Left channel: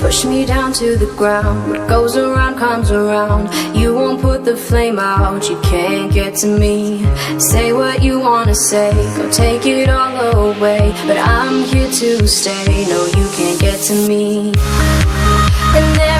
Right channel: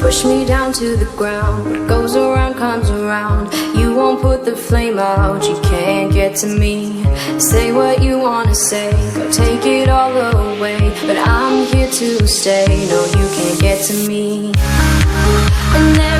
push me down to the ground. What goes around comes around. You won't put the flame out, you can't get to me. Say what you wanna say, go take it all away, but I'm here to stay. No, you can't get to me. And there